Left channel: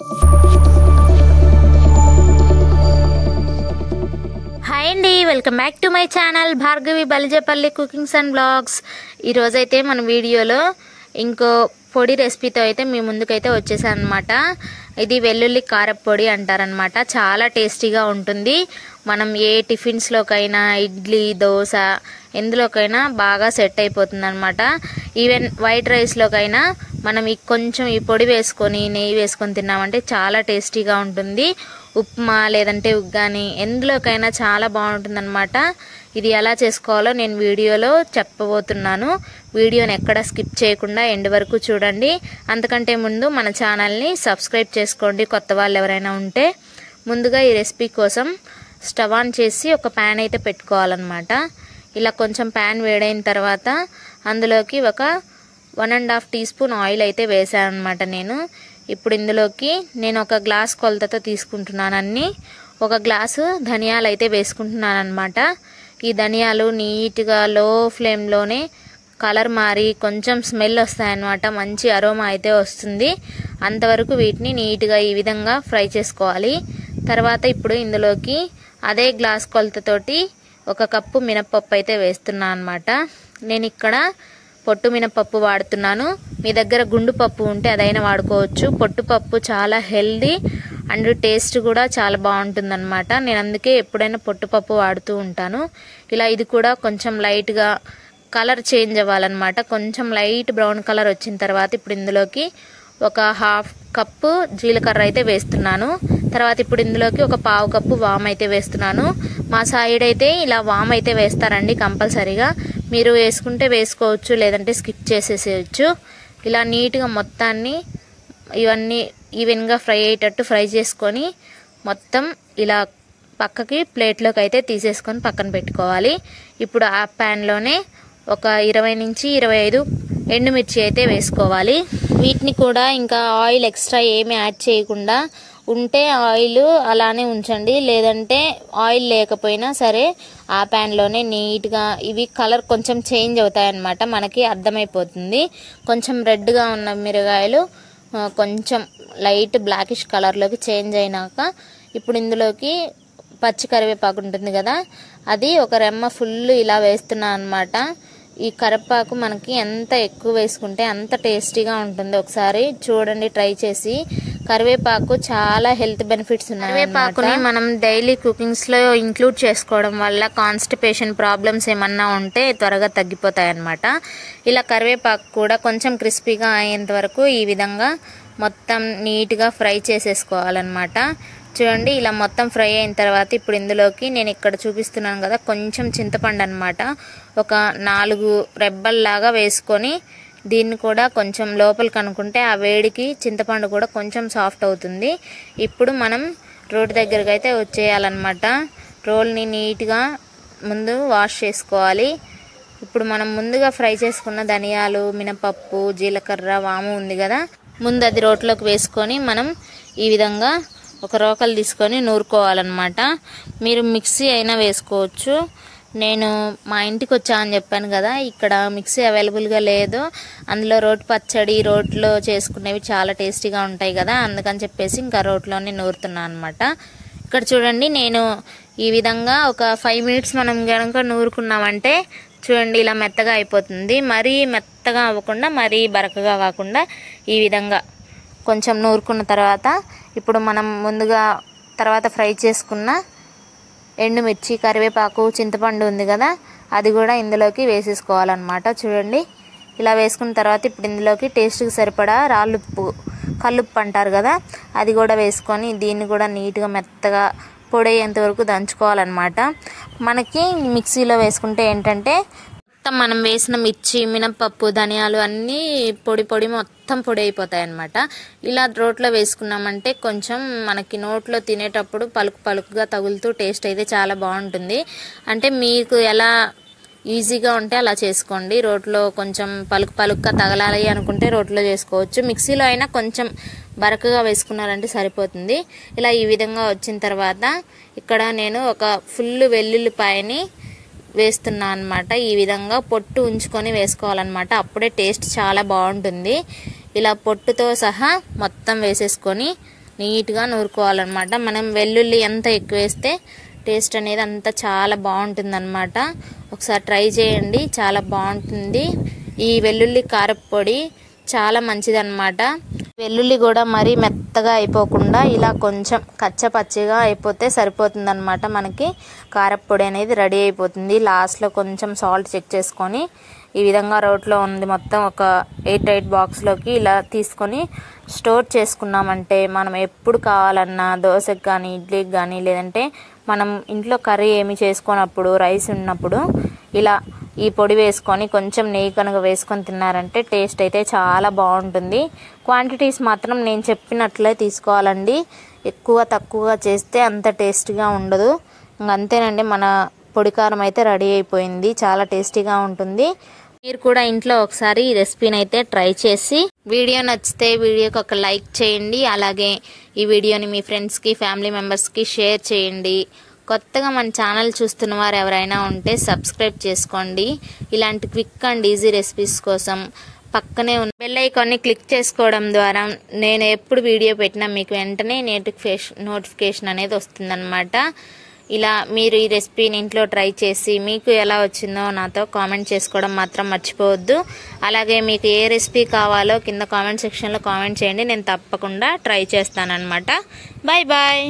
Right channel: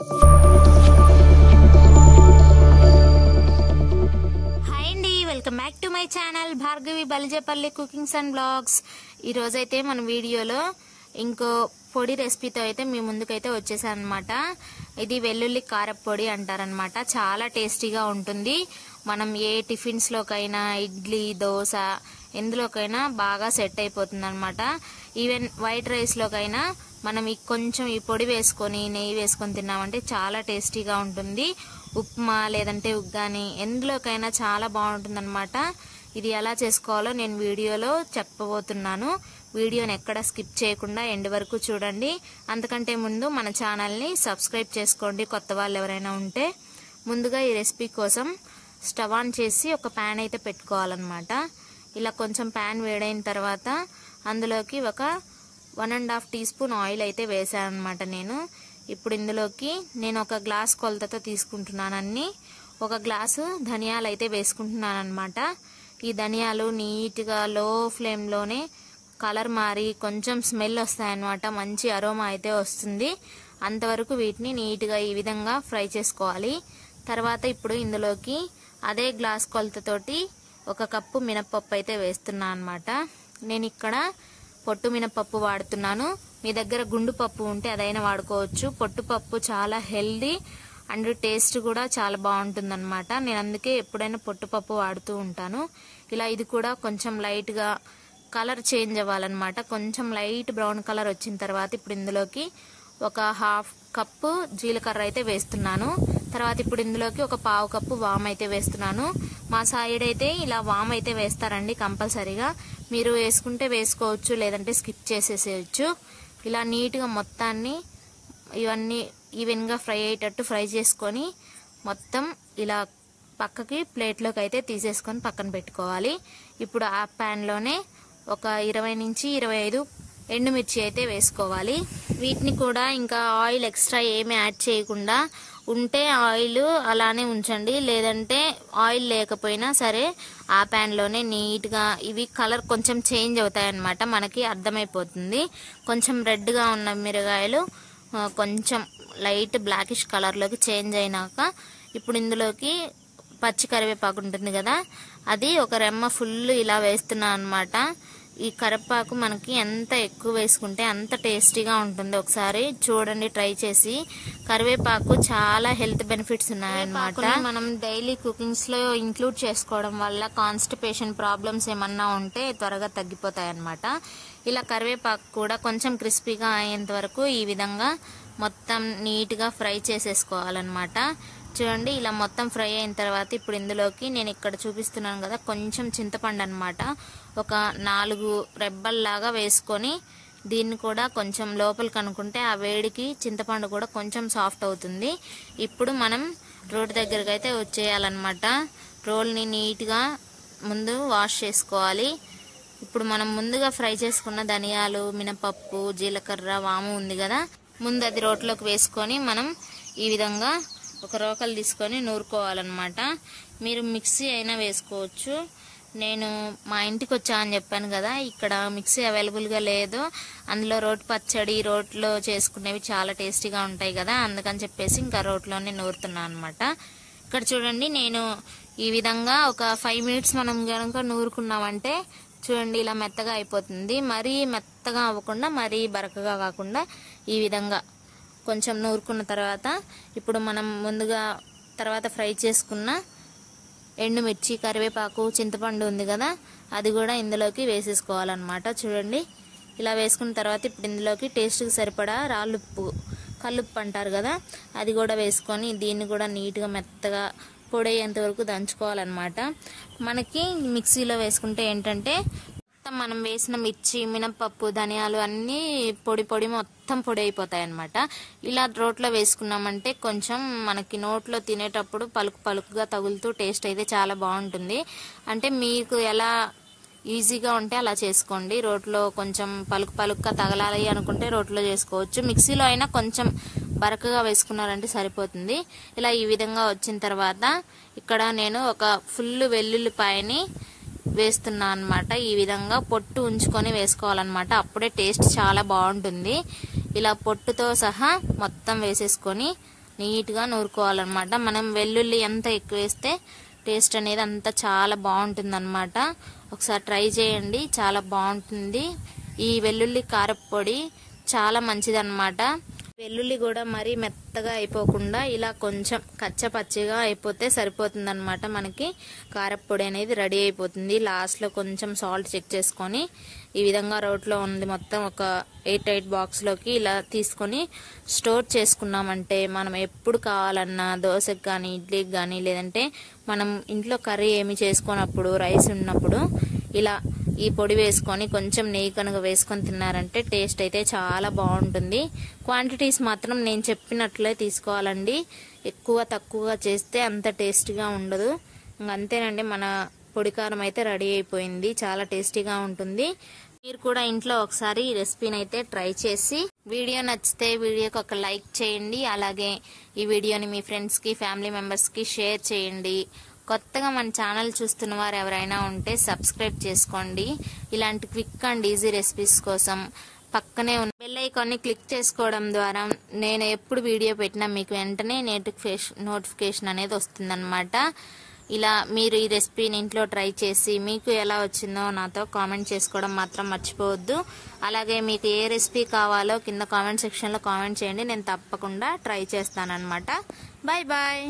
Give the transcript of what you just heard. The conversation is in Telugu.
హాయ్ అండి, welcome back to my channel Bhargavi Balijepalli cookings and blogs. ఈరోజైతే మన వీడియోలో ఇంకో పొడి రెసిపీతో అయితే మీ ముందుకైతే వచ్చేసాను అనమాట. ఇది వెల్లుల్లి కారపొడి అంటారనమాట. చాలా టేస్టీగా ఉంటుంది. మనం ఏ టిఫిన్స్లోకైనా, ఇడ్లీ, దోశ ఎందులోకైనా బాగా సెట్ అయిపోతుంది అనమాట. ఈవెన్ వైట్ రైస్లోకైనా మనం కొంచెం ఈ పొడి వేసుకొని నెయ్యి వేసుకొని తిన్నామంటే చాలా టేస్టీగా ఉంటుంది. ఉప్మా లేదంటే ఉగ్గాని ఎందులోకైనా చాలా బాగుంటుంది అనమాట. ఇది ఎలా చేసుకోవాలో నేను వీడియోలో చెప్పబోతున్నాను. వీడియోని ఎక్కడ స్కిప్ చేయకుండా ఎండ్ వరకు చూడండి. అంతకంటే ముందు మన ఛానల్ని సబ్స్క్రైబ్ చేసుకోండి కొత్త వాళ్ళు ఎవరైనా ఉంటే. ముందుగా ఈ రెసిపీ కోసం స్టవ్ ఆన్ చేసి ఒక ప్యాన్ అయితే పెట్టుకోవాలన్నమాట. ఇలా కొంచెం ప్యాన్ వేడైన తర్వాత అందులోకి ఒక 1.5 టీ స్పూన్ ఆయిల్ అయితే వేసాను అనమాట నేను. ఇప్పుడు ఇందులోకి నేను ఒక గ్లాస్ కొలతతో తీసుకుంటున్నానని ఒక గ్లాసు ధనియాలు అయితే వేసుకుంటున్నాను అనమాట. ఈ ధనియాలు నీట్గా లో ఫ్లేమ్లోనే కలర్ మారి కొంచెం స్మెల్ వస్తాయన్నమాట. మంచి అరోమా అయితే వస్తుంది. అంతవరకు వీటిని నీట్గా ఈ విధంగా ఫ్రై చేసుకోవాలి. తర్వాత ఇప్పుడు ఇందులోకి అదే గ్లాస్ కొలతతోటి 1 కప్పు మినపప్పు అయితే వేస్తున్నాను అనమాట. నేను ఇక్కడ పొట్టు మినపప్పు వాడుతున్నాను. మీ దగ్గర గుండు పప్పు ఉంటే అదైనా వాడుకోవచ్చు. పొట్టుపప్పు చాలా హెల్దీ అండ్ టేస్ట్ కూడా చాలా బాగుంటుంది అనమాట. నేను అందుకే ఎప్పుడైనా పొట్టుపప్పు వాడుతూ ఉంటాను. ఇలా ఇది కూడా కొంచెం లైట్గా కలర్ చేంజ్ అవ్వాలన్నమాట. కొంచెం లైట్ బ్రౌన్ కలర్ వచ్చిన తర్వాత ఇప్పుడు ఇందులోకి ఒక 1/2 కప్పు జీలకర్ర అయితే వేస్తున్నాను. తర్వాత ఇప్పుడు ఇందులోకి ఒక 1/4 కప్పు వామ్ అయితే వేస్తున్నాను. మా సైడ్ అయితే ఇలా వామ్ అయితే వేస్తారండి కంపల్సరీగా. మీరు వేసుకుంటే వేసుకోవచ్చు, లేదంటే స్కిప్ చేసేసేయచ్చు. ఇలా నీట్గా మొత్తాన్ని ఇవన్నీ ఈవెన్గా ఫ్రై అయ్యేటట్టు ఫ్రై చేసుకొని మొత్తం ఇలా పక్కకి ప్లేట్లోకి అయితే తీసేసుకొని పక్కన పెట్టుకోవాలి. ఇప్పుడు ఆ ప్యాన్లోనే ఒక 20 నుంచి 25 ఎండుమిర్చి అయితే వేసుకోవాలి. వీటిని కూడా ఇంకా ఆయిల్ ఎక్స్ట్రా ఏమీ యాడ్ చేయకుండా ఉంటే ఆయిల్ అలానే ఉంచండి, లేదంటే ఆయిల్ లేకపోయినా సరే ఆ ప్యాన్లోనే నీట్గా ఇవి కలర్ కొంచెం చేంజ్ అవుతాయన్నమాట. మనకి అర్థమైపోతుంది. కొంచెం రెడ్గా ఉన్న మిరగాయలు కొంచెం లైట్ బ్లాకిష్ కలర్లోకి చేంజ్ అయినాక ఇప్పుడు ఇందులోకి పచ్చి కరివేపాకు ఉంటుంది కదా, అది ఒక రెమ్మ ఫుల్ ఇలా వేస్తున్నాను అనమాట. ఈ కరివేపాకు మనకి ఎంత ఎక్కువ వేసుకుంటే అంత టేస్టీగా ఉంటుంది. ఒకసారి చూడండి ట్రై చేసి. కరివేపాకు చాలా హెల్త్ బెనిఫిట్స్ ఉన్నాయి. కరివేపాకుని మనం డైలీ కుకింగ్స్లో ఇంక్లూడ్ చేసుకోవడం వల్ల కాన్స్టిపేషన్ ప్రాబ్లమ్స్ ఏమన్నా ఉంటే త్వరగా తగ్గిపోతాయి అన్నమాట. ఇలా కరివేపాకు కూడా కొంచెం క్రిస్పీగా అయ్యేంత వరకు ఈ విధంగా మొత్తం నీట్గా ఫ్రై చేసేసుకోవాలన్నమాట. చూడండి ఇలా మొత్తం ఫ్రై అయిన తర్వాత ఇప్పుడు ఇందులోకి నేను ఇక్కడ చూపిస్తున్నాను కదా కొంచెం చింతపండు అనమాట. ఒక 4 రెబ్బల్లాగా వేసుకొని దీన్ని కూడా కొంచెం లోపలికి అనుకుంటే ఆ వేడికి చింతపండు కూడా కొంచెం సాఫ్ట్ అవుతుంది. ఇప్పుడు మనం రోటి దగ్గరికి అయితే వచ్చేయాలన్నమాట. రోల్ని నీట్గా ముందు వాష్ చేసుకోవాలి. ఇప్పుడు మనం ముందుగా ఫ్రై చేసుకున్న ధనియాలు, మినపప్పు, జీలకర్ర, వాము ఉంది కదా, ముందు అది రోట్లోకి వేసుకొని మనం ఈ విధంగా ఒక రోకలు తీసుకొని నూరుకోవాలన్నమాట. మీరు మిక్సీ అయినా వేసుకోవచ్చు. నేను మా ఇంటికి వచ్చా అని చెప్పాను కదా, ఇక్కడ మిక్సీ అవైలబుల్గా లేదు. అందులో రోటి పచ్చడి, రోట్లో చేసుకునేవి చాలా టేస్టీగా ఉంటాయి కదా, అందుకని చెప్పేసి ఇంకా రోట్లోనే నూరుతున్నాను అనమాట. ఇక్కడ చూడండి నేను ఈ విధంగా ఒక 5 మినిట్స్ మనం కనుక నూరుకున్నామంటే చూడండి ఇలా మెత్తగా అయిపోతుంది. మరీ మెత్తగా అవ్వకుండా మరీ బరకగా కాకుండా ఈ విధంగా కొంచెం నూరుకున్న తర్వాత ఇప్పుడు మనం ముందుగా తర్వాత ఫ్రై చేసుకున్న ఎండుమిర్చి, కరివేపాకు, చింతపండు ఉంది కదా, అది కూడా ఇందులోకి వేసేసుకోవాలన్నమాట. చూడండి ఇలా వేసుకున్న తర్వాత ఇప్పుడు ఇందులోకి టేస్ట్కి సరిపడా రాళ్ళుప్పు, కల్లుప్పు అంటారు కదా, అది కూడా వేసుకొని దీన్ని కూడా నీట్గా మెత్తగా పొడయ్యేంత వరకు దంచుకోవాలన్నమాట. మనకి మిక్సీలో వేసుకుంటే ఏంటంటే మొత్తం మనం వేసిన మిర్చి, మినపప్పు, ధనియాలు అన్నీ పొడి మొత్తం పొడి అయిపోతాయి అన్నమాట. ఇలా రోట్లో వేసుకున్నామంటే కొంచెం మనకి నోట్లో తినేటప్పుడు పలుకుగా తగులుతూ టేస్ట్ అయితే చాలా బాగుంటుంది. అంటే మీకు ఎలా ఈజీగా ఉంటే అలా చేసుకోండి. రోట్లో కొంచెం పలుకుగా తగలాలి అనుకుంటే రోట్లో చేసుకోవచ్చు. మిక్సీలో అయినా కొంచెం బరకగా వేసుకున్నారంటే సరిపోతుంది. ఇలా ఈ విధంగా వచ్చిన తర్వాత ఇక్కడ నేను ఒక ఫుల్ వెల్లుల్లిపాయని వేస్తున్నా అన్నమాట. ఈ విధంగా పొట్టు ఉంచుకొని వేసుకోవాలన్నమాట. అప్పుడే టేస్ట్ చాలా బాగుంటుంది. ఇలా పొట్టుతో సహా మొత్తం వేసేసుకొని నీట్గా నూరుకోవాలన్నమాట. మనం వెల్లుల్లి ఎంత ఎక్కువ వేస్తే టేస్ట్ అనేది అంత చాలా బాగుంటుందన్నమాట. ఒకసారి ట్రై చేయండి, చాలా బాగుంటుంది. ఈ వెల్లుల్లి కారపొడి చాలా మంచిదన్నమాట. వెల్లుల్లి కూడా మరీ మెత్తగా అయిపోకుండా ఇలా కొంచెం కచ్చపచ్చిగా అయిపోతే సరిపోతుందన్నమాట. మనకి కారపొడి అనేది రెడీ అయిపోతుంది. లాస్ట్లో కొంచెం సాల్ట్ చెక్ చేసుకొని ఈ విధంగా రోట్లో ఉంది మొత్తం ఒక 8 బాక్స్లోకి ఇలా తీసుకొని స్టోర్ చేసుకున్నామంటే మనం ఎప్పుడు కావాలన్నా దోశకి కానీ ఇడ్లీకి కానీ లేదంటే మనం ఇంట్లో కర్రీ ఏమి చేసుకున్నప్పుడు రైస్ ఉన్నప్పుడు ఇలా ఈ పొడి వేసుకొని కొంచెం నెయ్యి కనుక వేసుకొని తిన్నారంటే టేస్ట్ అయితే చాలా బాగుంటుంది. క్వాంటిటీస్ మాత్రం నేను చెప్పినట్లే తీసుకోవాలండి. ఎక్కువ తక్కువగా చేస్తే అంత టేస్టీగా ఉండదు. అంతేనండి, మన పొడి కారం అయితే రెడీ అయిపోయింది. చాలా టేస్టీగా ఉంటుంది. మీరు కూడా ఇంట్లో ఒకసారి ఈ రెసిపీని అయితే ట్రై చేసి వీడియో నచ్చితే వీడియోకి ఒక లైక్ చేయండి. అలాగే ఈ వీడియోని మీ ఫ్రెండ్స్కి ఫ్యామిలీ మెంబర్స్కి షేర్ చేయండి. కొత్తగా మన ఛానల్ చూస్తున్న వారు ఎవరైనా ఉంటే సబ్స్క్రైబ్ చేసుకోండి. ఇలాంటి క్విక్ అండ్ ఈజీ రెసిపీస్ కోసం పక్కనే ఉన్న బెల్ ఐకాన్ని క్లిక్ చేసుకోవడం ద్వారా నేను ఎప్పుడు వీడియో పెట్టినా మీకు వెంటనే నోటిఫికేషన్ అనేది వస్తుందన్నమాట. ఇలా మీరు ఈ రెసిపీని ఇంట్లో ట్రై చేసి మీకు ఎలా వచ్చిందో నాతో కామెంట్ చేసుకోవడం మాత్రం మర్చిపోవద్దు. అలాగే మీకు ఏ రెసిపీ కావాలో కింద కామెంట్ సెక్షన్లో కామెంట్ చేయండి. నేను తప్పకుండా ట్రై చేస్తానన్నమాట. Bye bye.